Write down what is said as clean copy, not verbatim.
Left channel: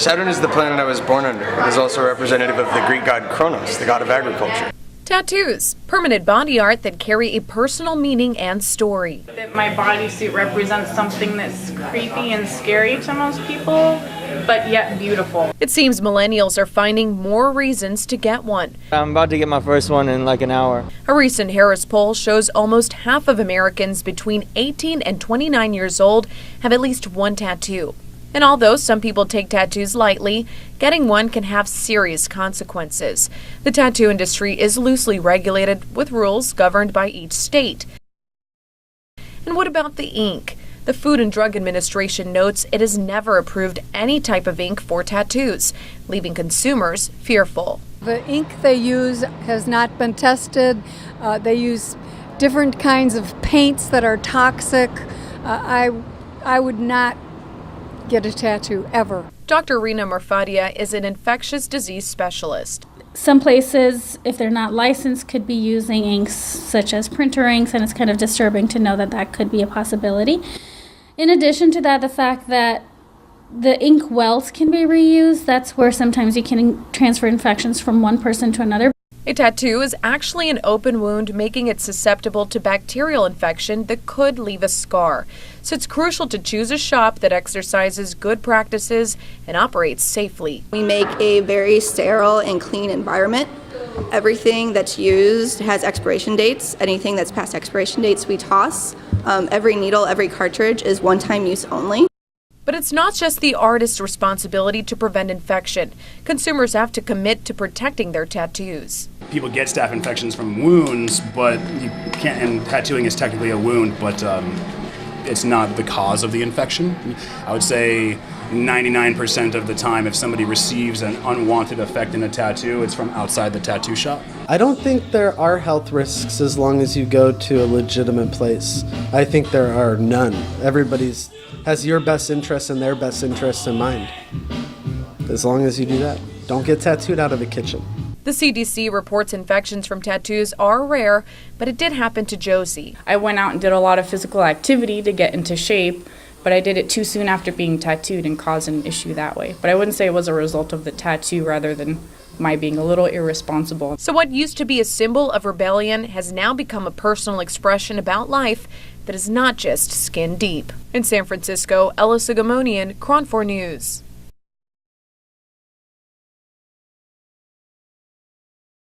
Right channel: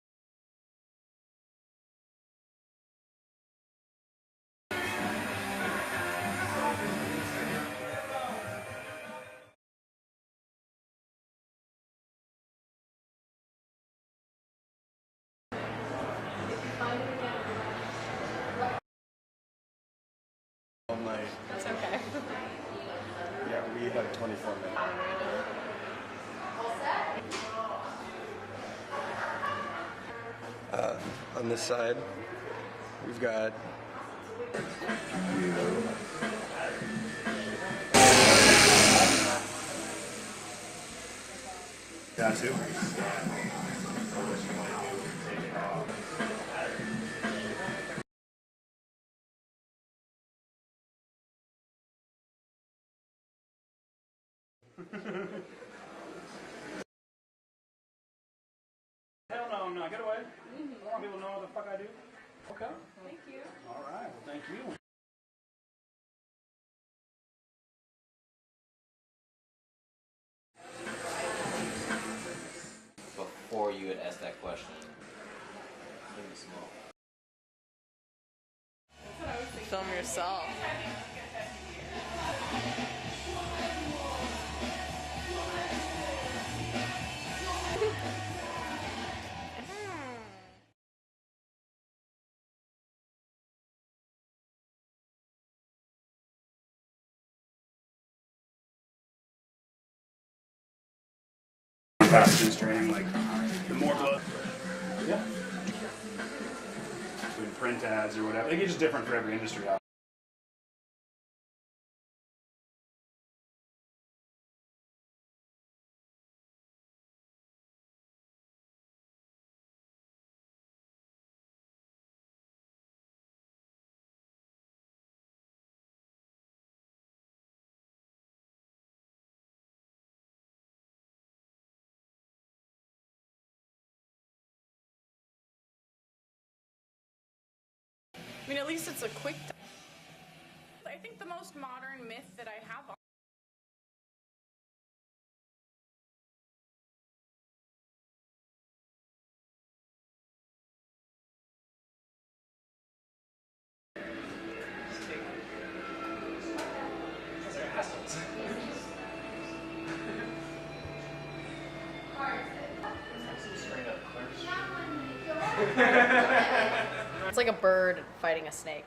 Saturn is the planet I was born under. It is also representative of the Greek god Kronos, the god of agriculture. Tattoos, permanent body art that carry a personal meaning and story. My bodysuit represents something that's creepy and scary to most people, but yet beautiful. It seems millennials are finding more reasons to get one. I'm about to get my first one in like an hour. A recent Harris poll shows almost half of Americans between 18 and 29 years old have at least one tattoo. And although some people take tattoos lightly, getting one can have serious consequences. The tattoo industry is loosely regulated with rules governed by each state. And what about the ink? The Food and Drug Administration notes it has never approved any type of ink for tattoos, leaving consumers fearful. The ink they use has not been tested. They use different kinds of paints that are toxic. I would not get a tattoo ever. Dr. Rina Marfadia is an infectious disease specialist. Some places, if they're not licensed, could be using inks such as printer inks, and it's kind of disturbing to know that that could be a possibility. In addition to that, the fact that the ink wells can be reused, that's where sometimes you can transfer infections from one person to another. A tattoo is actually an open wound, making it susceptible to bacterial infection that could leave a scar. So it's crucial to choose a shop that exercises good practices and operates safely. We make a very sterile and clean environment. Everything that's used has expiration dates. Anything that's past expiration dates we toss. Every needle, every cartridge is one-time use only. But it's not just the artist's responsibility to prevent infection. Consumers have to commit to protecting their tattoos. People get staph infections from wounds, but you can't, and tattooing is technically a wound, but it's not the cause of the infection. I would say 99% of the time, if somebody receives an unwanted effect in a tattoo, it's from outside the tattoo shop. I don't think there are health risks as long as you go to a legitimate place. I think there are none. Everybody's has your best interests and their best interests in mind. As long as you do that, don't get tattooed out of a kitchen. The CDC reports infections from tattoos are rare, but it did happen to Josie. I went out and did a lot of physical activity to get into shape, but I did it too soon after being tattooed and caused an issue that way. But I wouldn't say it was a result of the tattoo rather than my being a little irresponsible. So what used to be a symbol of rebellion has now become a personal expression about life that is not just skin deep. In San Francisco, Ella Sogomonian, Cron 4 News. It's like a bird fighting a snake.